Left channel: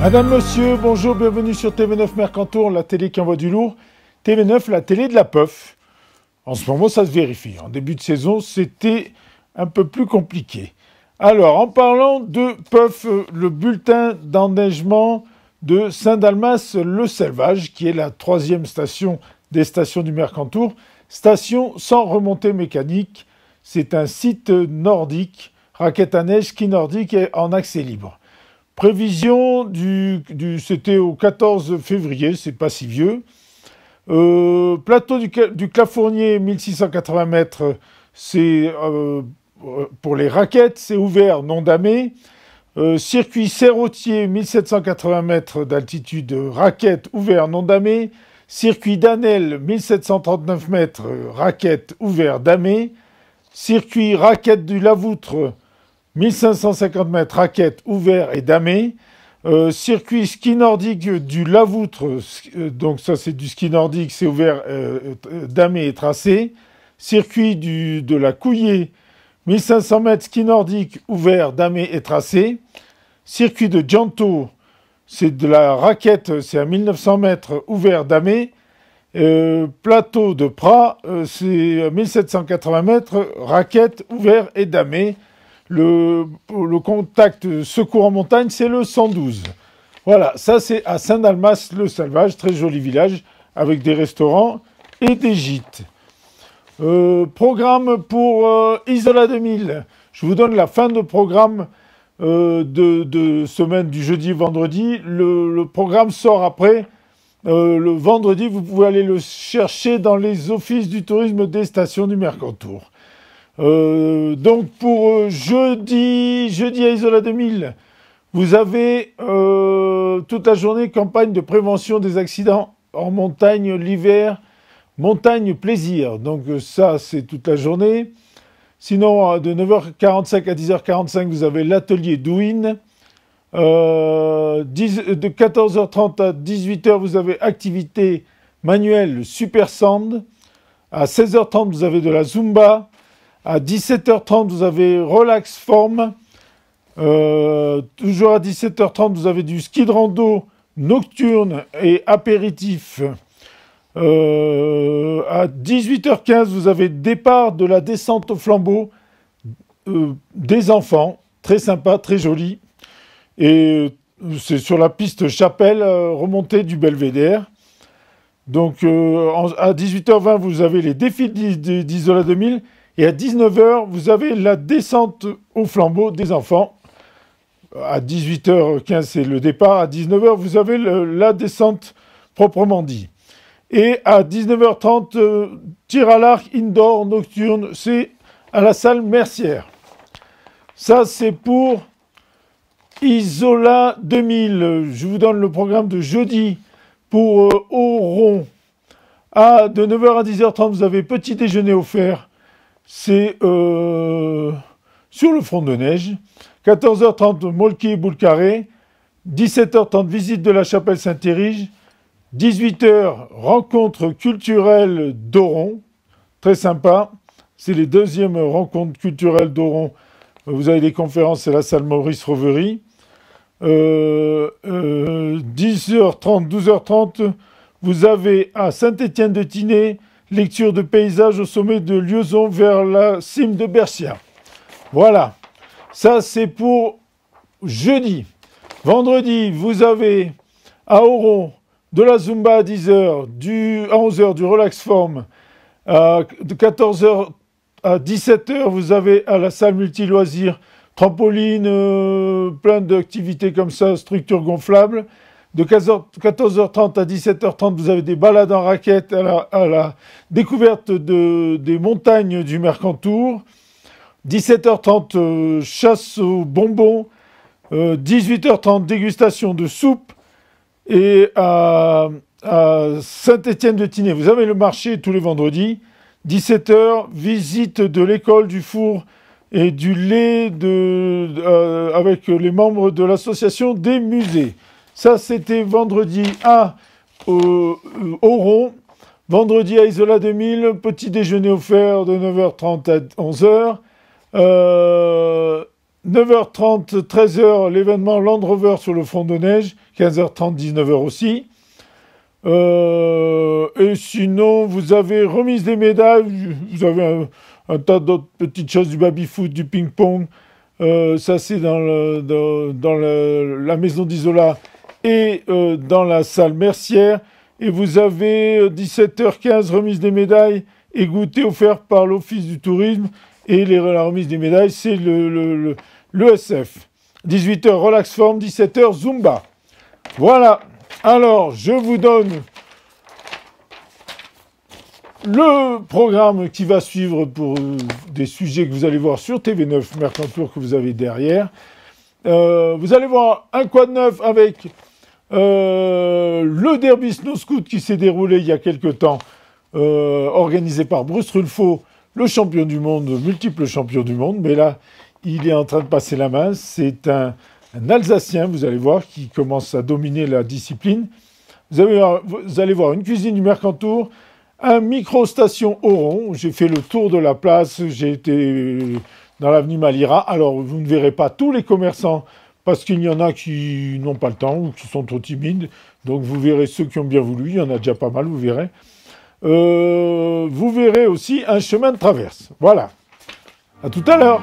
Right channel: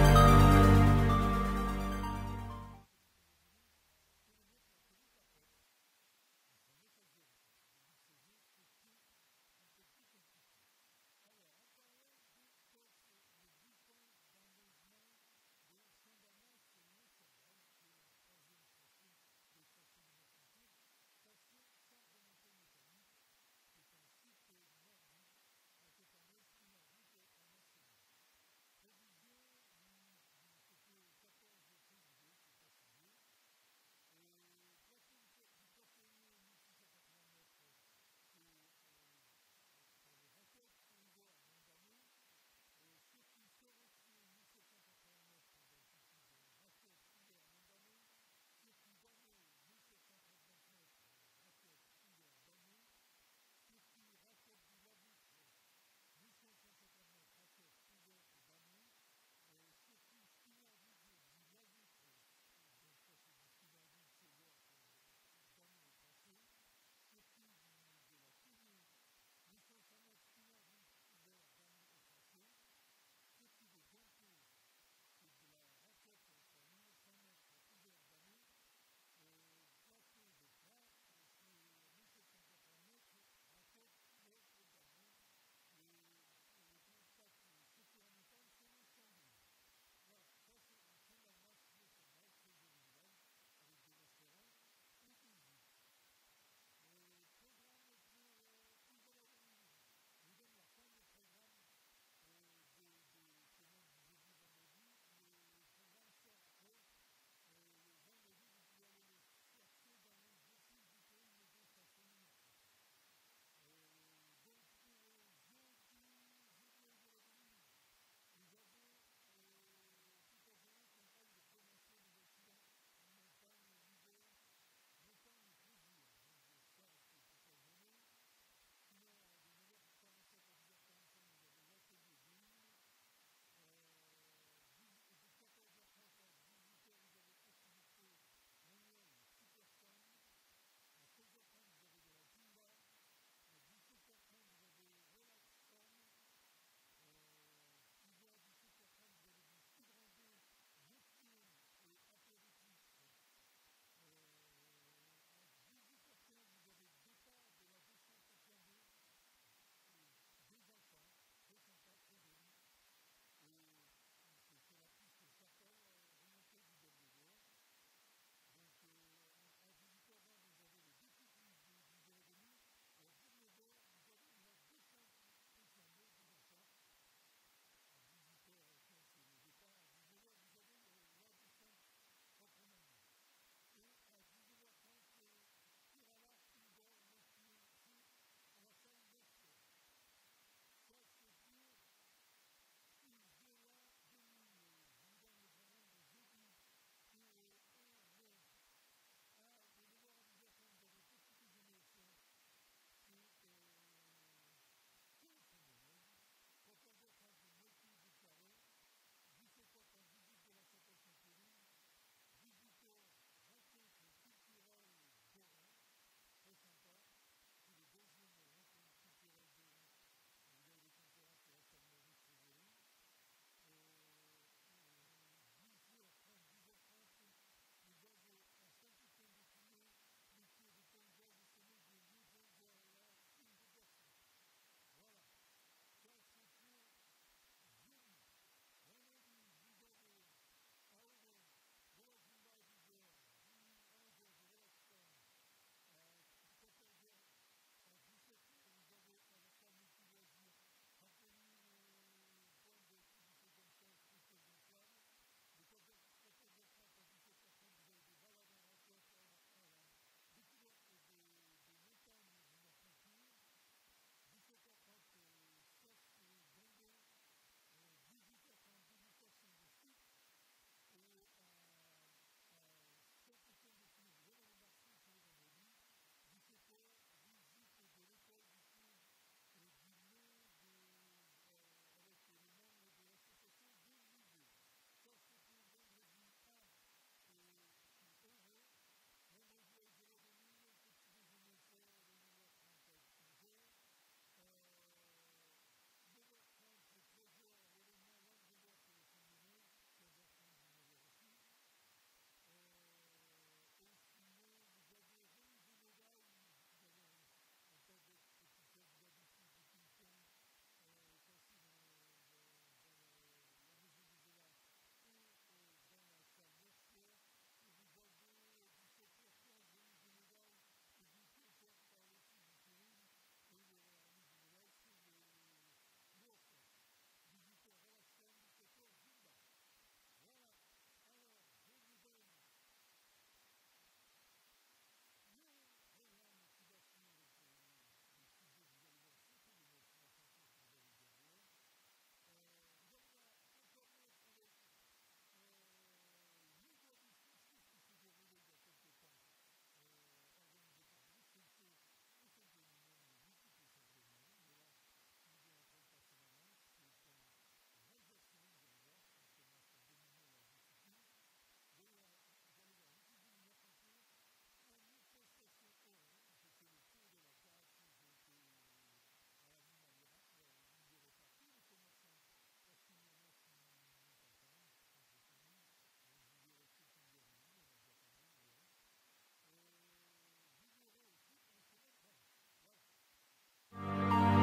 Madame, Monsieur, bonjour, bienvenue sur TV9 Mercantour, la télé qui envoie du lourd. TV9, la télé de la puff. En ce moment, ça se vérifie. En début de saison, c'était un peu plus compliqué. Alors, en parlant de puff, le bulletin d'enneigement de Saint-Dalmas-le-Selvage, qui est la 3e station des stations du Mercantour. Station sans remontée mécanique. C'est un site nordique, raquette à neige, ski nordique et en accès libre. Prévision c'était au 14 février, c'est pas si vieux. Plateau du Clafournier, 1680 mètres, c'est pour les raquettes, c'est ouvert, non damé. Circuit Serrotier, 1780 mètres d'altitude, raquette, ouvert, non damé. Circuit d'Anel, 1739 mètres, raquette, ouvert, damé. Circuit raquette du Lavoutre, 1550 mètres, raquette, ouvert et damé. Circuit ski nordique du Lavoutre, donc ça c'est du ski nordique, c'est ouvert, damé et tracé. Circuit de la Couillée, 1500 mètres, ski nordique, ouvert, damé et tracé. Circuit de Gianto, c'est de la raquette, c'est à 1900 mètres, ouvert, damé. Plateau de Prat, c'est 1780 mètres, raquette, ouvert et damé. Le contact secours en montagne, c'est le 112. Voilà, ça c'est à Saint-Dalmas-le-Selvage, très joli village, avec des restaurants et des gîtes. Programme pour Isola 2000. Je vous donne la fin de programme de semaine du jeudi et vendredi. Le programme sort après. Le vendredi, vous pouvez aller le chercher dans les offices du tourisme des stations du Mercantour. Donc pour jeudi à Isola 2000, vous avez toute la journée campagne de prévention des accidents en montagne l'hiver, montagne plaisir. Donc ça, c'est toute la journée. Sinon, de 9h45 à 10h45, vous avez l'atelier Douine. De 14h30 à 18h, vous avez activité manuelle Super Sand. À 16h30, vous avez de la Zumba. À 17h30, vous avez Relax Form. Toujours à 17h30, vous avez du ski de rando nocturne et apéritif. À 18h15, vous avez départ de la descente au flambeau des enfants. Très sympa, très joli. Et c'est sur la piste Chapelle, remontée du Belvédère. Donc à 18h20, vous avez les défis d'Isola 2000. Et à 19h, vous avez la descente au flambeau des enfants. À 18h15, c'est le départ. À 19h, vous avez la descente proprement dit. Et à 19h30, tir à l'arc indoor nocturne, c'est à la salle Mercière. Ça, c'est pour Isola 2000. Je vous donne le programme de jeudi pour Oron. De 9h à 10h30, vous avez petit déjeuner offert. C'est sur le front de neige. 14h30, Molki et Boulcarré. 17h30, visite de la chapelle Saint-Érige. 18h, rencontre culturelle d'Oron. Très sympa. C'est les deuxièmes rencontres culturelles d'Oron. Vous avez des conférences, c'est la salle Maurice Rovery. 10h30, 12h30, vous avez à Saint-Étienne-de-Tinée, lecture de paysages au sommet de Liaison vers la cime de Berchia. Voilà, ça c'est pour jeudi. Vendredi, vous avez à Oron de la Zumba à 10h, à 11h du Relax Form. De 14h à 17h, vous avez à la salle multi-loisirs trampoline, plein d'activités comme ça, structure gonflable. De 14h30 à 17h30, vous avez des balades en raquette à la découverte des montagnes du Mercantour. 17h30, chasse aux bonbons. 18h30, dégustation de soupe. Et à Saint-Étienne-de-Tinée, vous avez le marché tous les vendredis. 17h, visite de l'école, du four et du lait avec les membres de l'association des musées. Ça, c'était vendredi à Oron. Vendredi à Isola 2000, petit déjeuner offert de 9h30 à 11h. 9h30, 13h, l'événement Land Rover sur le front de neige. 15h30, 19h aussi. Et sinon, vous avez remise des médailles. Vous avez un tas d'autres petites choses, du baby-foot, du ping-pong. Ça, c'est dans la maison d'Isola et dans la salle Mercière. Et vous avez 17h15, remise des médailles et goûter offert par l'Office du tourisme. Et la remise des médailles, c'est l'ESF. 18h, relax form. 17h, Zumba. Voilà. Alors, je vous donne le programme qui va suivre pour des sujets que vous allez voir sur TV9 Mercantour que vous avez derrière. Vous allez voir un quad neuf avec le derby Snow Scoot qui s'est déroulé il y a quelques temps, organisé par Bruce Rulfo, le champion du monde, multiple champion du monde. Mais là, il est en train de passer la main. C'est un Alsacien, vous allez voir, qui commence à dominer la discipline. Vous allez voir une cuisine du Mercantour, un micro-station Oron. J'ai fait le tour de la place, j'ai été dans l'avenue Malira. Alors, vous ne verrez pas tous les commerçants, parce qu'il y en a qui n'ont pas le temps ou qui sont trop timides. Donc, vous verrez ceux qui ont bien voulu. Il y en a déjà pas mal, vous verrez. Vous verrez aussi un chemin de traverse. Voilà. À tout à l'heure.